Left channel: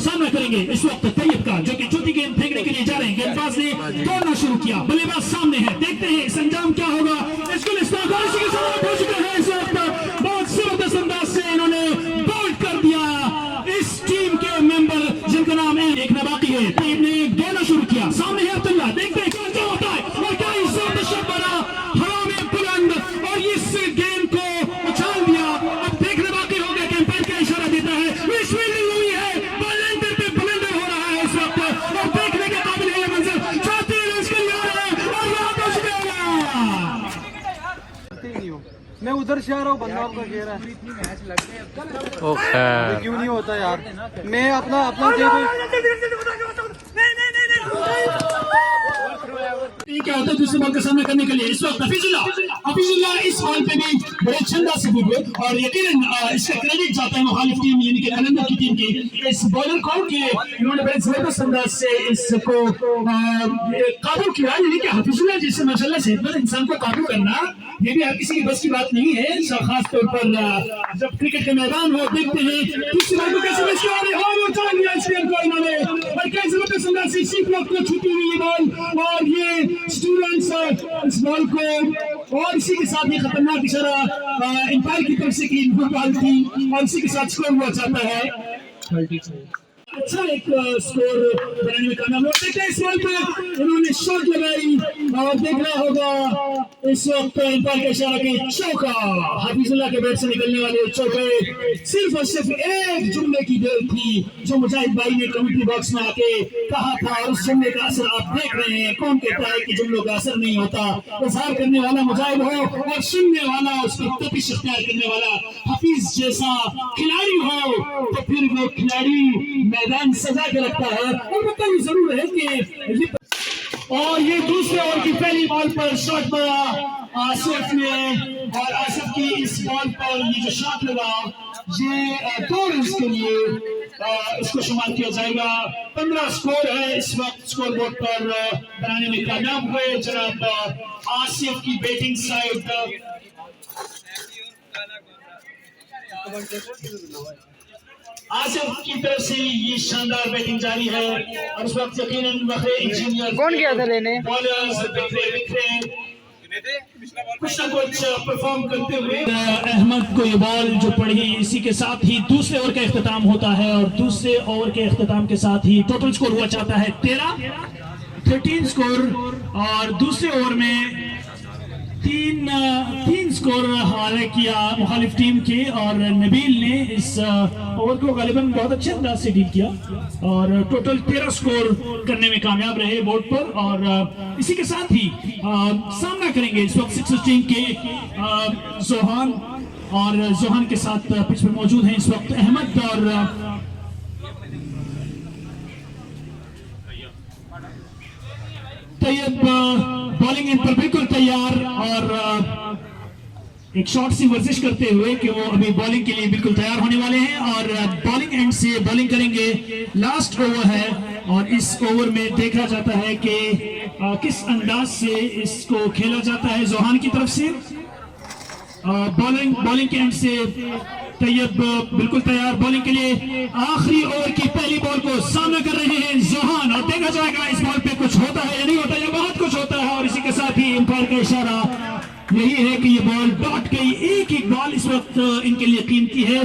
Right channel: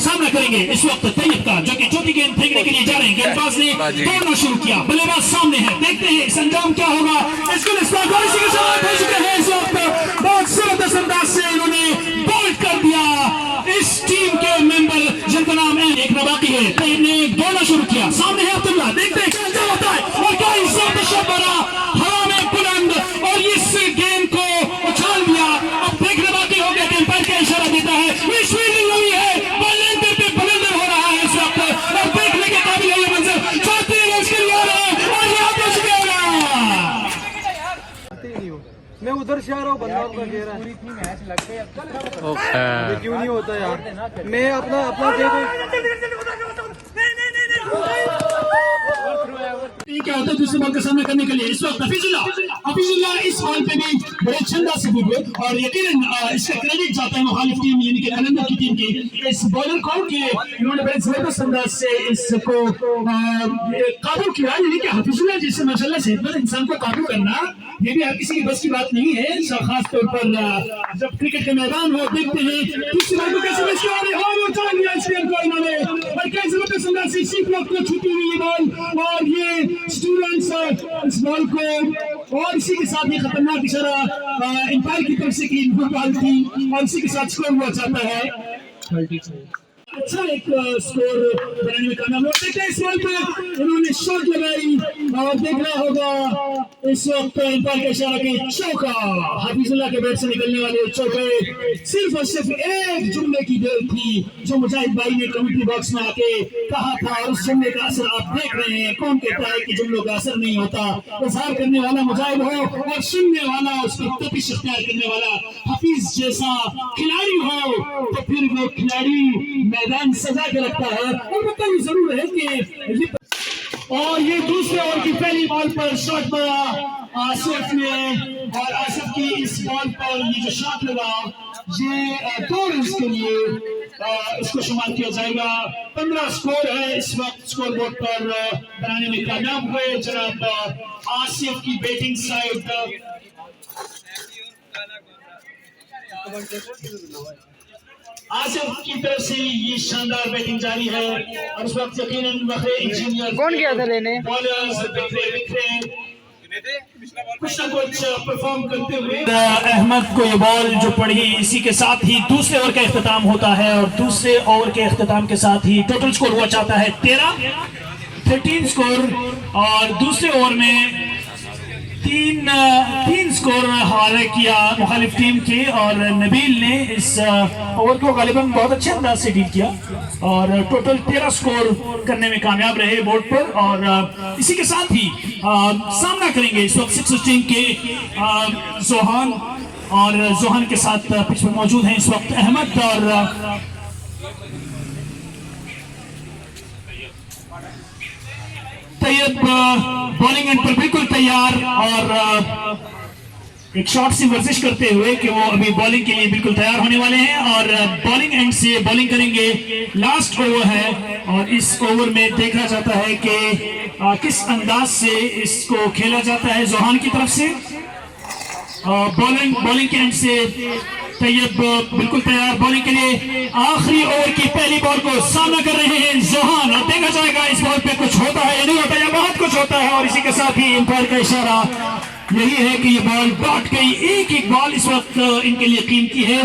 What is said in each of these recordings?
सामना करेंगे इस वक्त तैयब का, जो कि चौथी गेंद फेंकने के लिए जा रहे हैं। गेंदबाज ने दौड़ना शुरू किया, बल्लेबाज सामने है, देखते हैं इस अंजाम क्या होगा। इसको इसी के साथ भेज चुके हैं इस वक्त, बहुत जबरदस्त अंदाज से इन्होंने बॉल्ड कर दिया इस टीम के मेंबर जिनका नाम है एक बाकी है। तैयब ने दौड़ना शुरू किया, सामने है अब्दुल्ला, देखते हैं क्या अंजाम होता है और क्या इस शॉट बना हवा में बुलंद और इस गेंद को उछाल दिया। अब देखने बाकी हो गया, एम्पायर का इशारा देता है, इस फील्डिंग हुई है, बल्लेंडर पे बल्लेंडर हो रहा है इस वक्त और देखने के काबिल है ये मंजर। 34 रन के लिए आ रहे हैं और यहाँ पर मैं उधर से आ रहा हूँ, बंदा आपका कह रहा है मैच लगते हैं क्यों नहीं होता यार। मैं अपना क्या होता है दूसरे बॉल का सामना करने के लिए इस वक्त हफीजुल्लाह इस बॉल पे भी बड़े छंदा से कूदे और यकीनन इसका क्रेडिट जाता है मुखालिफ टीम यानी कि कलंदर की टीम की इस बॉलर को कि इन्होंने बड़े जबरदस्त अंदाज से इसको काबू किया। यानी कि हफीजुल्लाह जैसे माशाल्लाह सेहतमंद इंसान को काबू करना ये भी हर किसी की बस की बात नहीं है, खास तौर पर जब क्रिकेट के मैदान हो। देखते हैं दूसरी बॉल को कैसे मिस किया और उठा लिया इस गेंद को इन्होंने और क्या जबरदस्त अंदाज से सी ब्लॉक को छूटी हुई ये बॉल और ये स्टूडेंट्स इस बॉल को और इसी के साथ ये खतरनाक इशारा एम्पायर की तरफ से की बॉल थी और इसी के साथ स्कोर हुआ जाता है। अच्छा एक स्कोर बनाने में कामयाब होते हैं। इस बॉल पे इन्होंने शॉट लगाई और देखना होगा इस वक्त एम्पायर का इशारा कि चौका, हफीजुल्लाह के बैट से निकलने वाले चौके सिर्फ और सिर्फ एक जुमले की देर थी जो मुजाहिद भाई ने कमेंट्री बॉक्स में आके कहा था और उस जुमले का असर आप देख रहे हैं। कौन कहता है कि जुमलों का असर नहीं होता? इजहार करने वाला मुजाहिद हो और सुनने वाला उसकी तपिश इख्तियार करने वाला हफीज जैसा खिलाड़ी हो तो फिर वो खिलाड़ी मैदान सजा के रखता है। और बताइए जरूर है कि और ये दूसरे ओवर की पहली बॉल पर शॉट मारा आसिफ ने और आसिफ की इस बॉल पर ये जो शॉट लगा ये 2 रन के लिए इसको शुमार किया जाएगा। 15 स्कोर है इस वक्त स्कोर बोर्ड पर बनाने में कामयाब हुए जनाब आसिफ की बैटिंग साइड। आसिफ की तरफ से ये शानदार बैटिंग जारी है और उस वक्त यकीनन बखरे इंजीनियर कौन गया था लेने बॉलर्स बिखरे कुछ ना कुछ परफॉर्म करते हुए अहमद को ये बॉल जो पड़ी इसी के साथ ही दूसरे ओवर का इख्तिताम होता है और दूसरे ओवर के इख्तिताम के साथ ही टोटल स्कोर हुआ चाहता है 13 स्कोर और दूसरे ओवर में तीन स्कोर हवाले किया मुखालिफ टीम के और नबील ने इस ओवर को गालिबन बहुत अच्छे अंदाज से डील किया और टोटल 13 स्कोर करने में कामयाब रहे बोर्ड पर। और इसी के साथ ही सामना करेंगे इस वक्त 6 टीम के जोहान और जोहान के साथ पिच पर मौजूद हैं इस वक्त अहमद और तैयब बॉलिंग एंड पर बिल्कुल तैयार और एक शॉट सी वर्जिश करते हुए कि वो अभी बॉलिंग के लिए बिल्कुल तैयार होने वाले हैं और बॉलिंग एंड से बॉलिंग करेंगे। लास्ट ओवर है और इस ओवर में देखा जाता है कि किस अंदाज से इसको खेला जाता है। जोहान की तरफ से बॉलिंग के एंड से तैयब बिल्कुल तैयार बॉलिंग के लिए। आखिरी ओवर की पहली बॉल को सामना कर रहे हैं जोहान और देखा जाएगा इस बॉल पे कुछ होता है या नहीं होता या बहुत कुछ होता है। और इसी के साथ ही एम्पायर का इशारा यही है कि ये बॉल डॉट गई। एक बॉल इस वक्त इनके लिए कीमती है।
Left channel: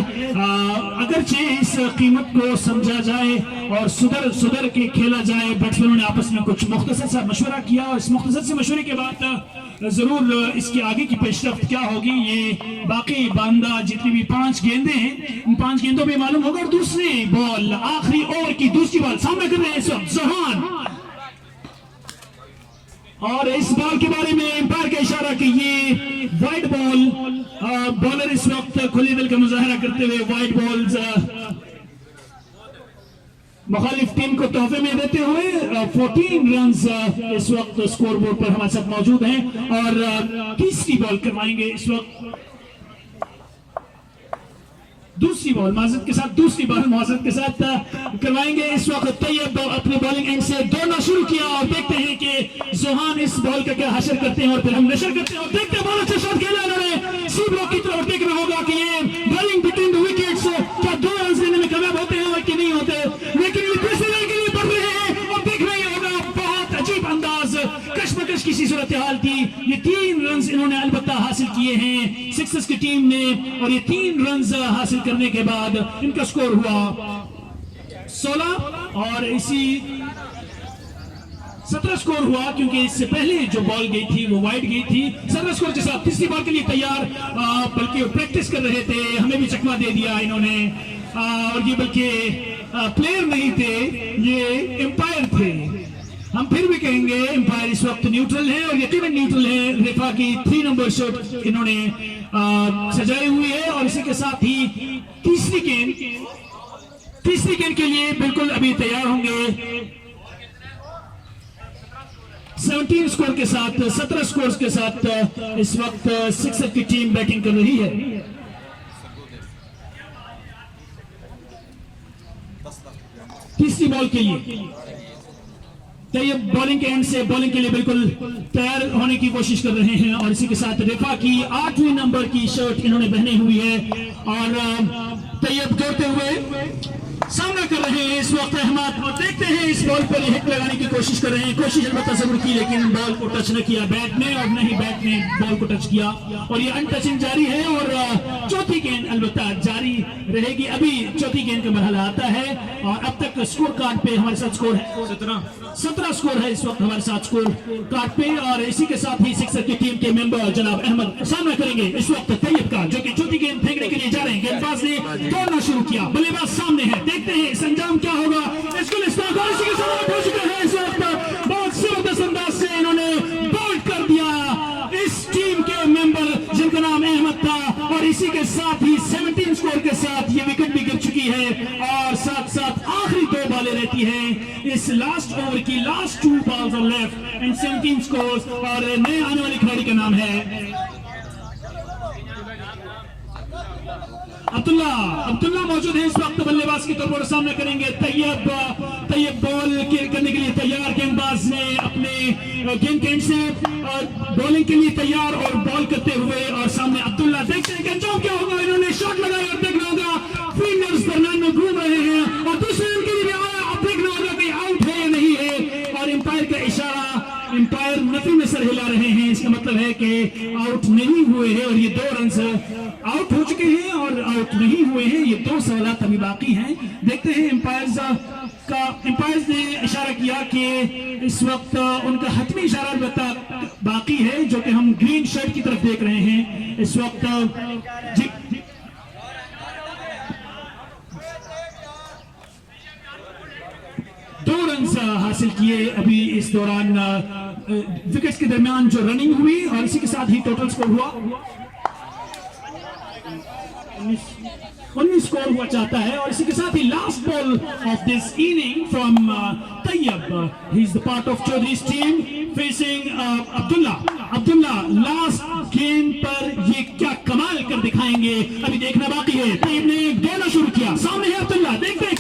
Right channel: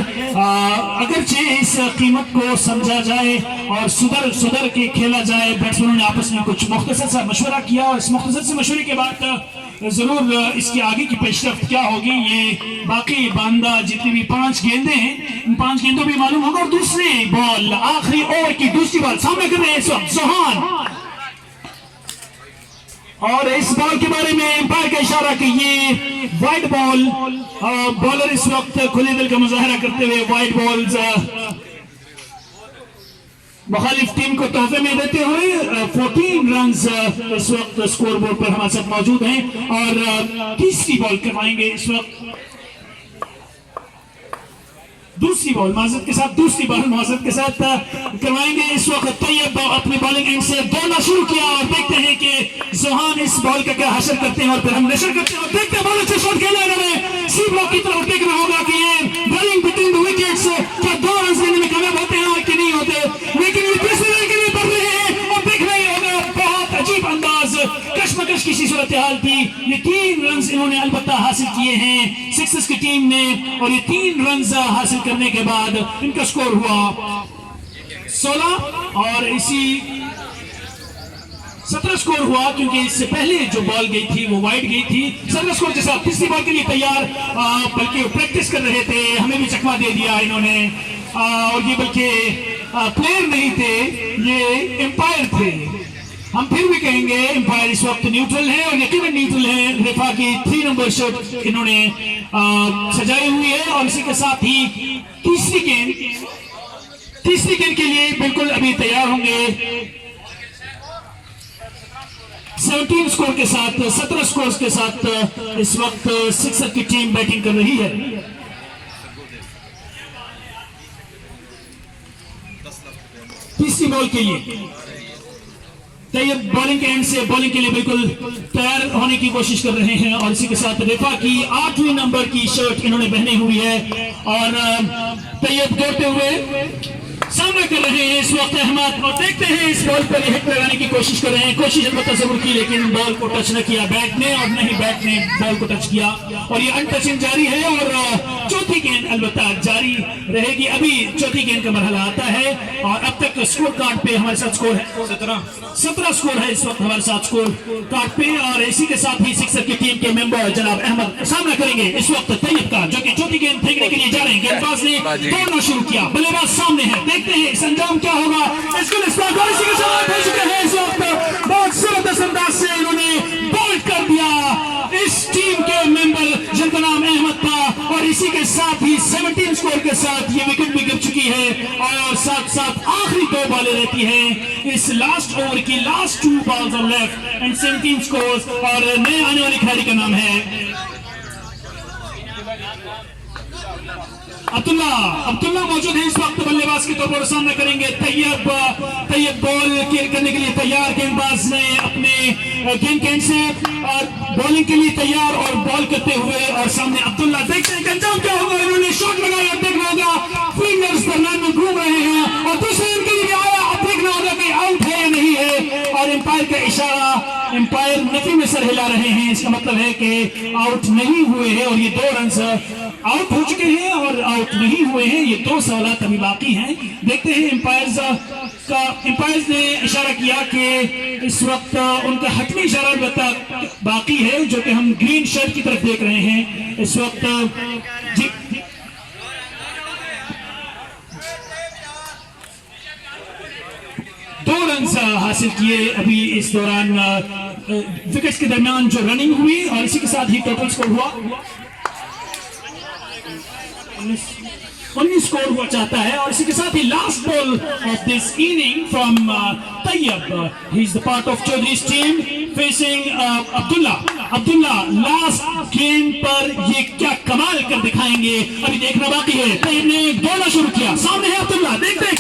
अगरचे इस कीमत को समझा जाए और सुधर के खेला जाए। बैट्समैनों ने आपस में कुछ मुख्तसर सा मशवरा किया और इस मुख्तसर से मशवरे के बाद जरूर इसकी आगे की पेशरफ्त क्या होगी ये बाकी बांदा जितनी भी 5 गेंदें हैं इन 5 गेंदों में मालूम होगा। और दूसरी बॉल आखिरी ओवर की दूसरी बॉल सामने कर रहे हैं इस वक्त जोहान और इस बॉल के बारे में एम्पायर का इशारा कि ये वाइड बॉल बॉलर इस वक्त खुले दिल का मुजाहरा करते हुए वाइड बॉल्स मुखालिफ टीम को तोहफे में देते हुए 14 रन इस वक्त स्कोर बोर्ड पर हमारे साथ मौजूद हैं और तीसरी बॉल करवाएंगे इस वक्त दूसरी बॉल माजरत के साथ करवाएंगे इस वक्त। तैयब अपने बॉलिंग एंड से दौड़ना शुरू किया और देखते हैं कि जोहान इस बॉल का क्या हासिल करते हैं और फिर हम नशर करते हैं और देखते हैं बहुत अच्छा शॉट खेला इन्होंने सी ब्लॉक की तरफ। देखना होगा कि बॉलिंग बिटवीन द विकेट्स क्या 2 रन लेने में कामयाब होते हैं और कि नहीं होते। सूरत हाल थी। ये 3 रन इन्होंने अलबत्ता हासिल किए हैं सिक्सर्स की टीम ने, और ये 3 रन हासिल करने के बाद इनका स्कोर हुआ 16 और इसी 17 स्कोर हुआ, क्योंकि इससे पहले जो बॉल गई थी वो वाइड गई थी। 17 स्कोर के साथ तीसरी बॉल के लिए तैयार, बल्कि प्रैक्टिस कर रहे थे, हमें भी चकमा दे दिया इन्होंने, और ये बल्कि प्लेयर नहीं थे, ये एम्पायर थे। हम फिर भी कहेंगे एम्पायर इस वक्त न्यूट्रल है, और यकीनन न्यूट्रल है। रेफा की 3 नंबर शॉट इन्होंने सजाई हुई है, और इसी के साथ ही तीसरी गेंद के लिए बिल्कुल अभी तैयार होंगे। 17 स्कोर के साथ, 17 स्कोर के साथ इस वक्त सिक्सर की टीम बैटिंग कर रही है। तीसरी बॉल के लिए तैयार, बॉलिंग के एंड से बॉलिंग के लिए बिल्कुल तैयार होने की कोशिश कर रहे हैं, और इसी के साथ रेफा की 8वीं नंबर की शर्ट इन्होंने पहनी हुई है, और तैयब दौड़ते हुए सामना कर रहे हैं इस वक्त अहमद, और देखते हैं इस बॉल पर हिट लगाने की कोशिश कर रहे हैं। कोशिश अलबत्ता जरूर की, लेकिन बॉल को टच न किया बैट ने, और नहीं बैट ने बॉल को टच किया, और ये अनटचिंग जारी है। और चौथी गेंद अलबत्ता जारी रहेगी। अभी चौथी गेंद का मरहला आता है, और अब तक स्कोर कार्ड पे हमारे साथ स्कोर है 17 स्कोर है इस वक्त हमारे साथ स्कोर कार्ड पे, और इसी के साथ ही सिक्सर की टीम के मेंबर जनाब अहमद सामना करेंगे इस वक्त तैयब का, जो कि चौथी गेंद फेंकने के लिए जा रहे हैं। गेंदबाज ने दौड़ना शुरू किया, बल्लेबाज सामने है, देखते हैं इस अंजाम क्या होगा। इसके इस वक्त बहुत जबरदस्त अंदाज से इन्होंने बॉल्ड कर दिया इस टीम के मेंबर जिनका नाम अहमद था, और इसी के साथ ही 17 स्कोर के साथ ये विकेट भी गिर चुकी है, और साथ साथ आखिरी 2 बॉलें रहती हैं इस लास्ट ओवर की। Last 2 balls are left and 17 scores, और नए आने वाले खिलाड़ी का नाम है अब्दुल्ला मौजूद है इस वक्त बल्लेबाज के तौर पर। सामना करेंगे तैयब बॉल करने के लिए तैयार। गेंदबाज ने अपने गेंद कैंड से और बॉलिंग के लिए तैयार, और बॉल करते हुए, और सामने अब्दुल्ला। देखते हैं अंजाम क्या होगा। इन्होंने शॉट लगाया, अब देखना होगा फील्डर्स दरमियान में घूम रहे हैं, और दूसरे रन के लिए आया, अब देखना होगा कि आउट है या नहीं है, और एम्पायर का इशारा, एम्पायर नफी में सर हिला रहे हैं, इसका मतलब है कि आउट नहीं हुए हैं, और ये 2 रन आउट हो चुके हैं और आउट नहीं हुए हैं। ये 2 सवालात अभी बाकी हैं। देखते हैं एम्पायर्स ने इशारा किया कि इस वक्त उनका हतमी इशारा बाकी है, जो कि हम ग्रीन शर्ट की तरफ देख रहे हैं इस वक्त। जी 2 रन हासिल किए अभी इस दौरान विकेट्स के दरमियान जो रनिंग हुई, और इसी के साथ ही टोटल स्कोर हुआ 19 स्कोर हुआ चाहता है, और इसी के साथ ही last ball of this inning from Tayyab, he is the part of चौधरीज team facing Abdullah. Last game पर ये क्या कमाल कर दिखाएंगे, अभी देखना बाकी है। तैयब ने दौड़ना शुरू किया, सामने है अब्दुल्ला, देखते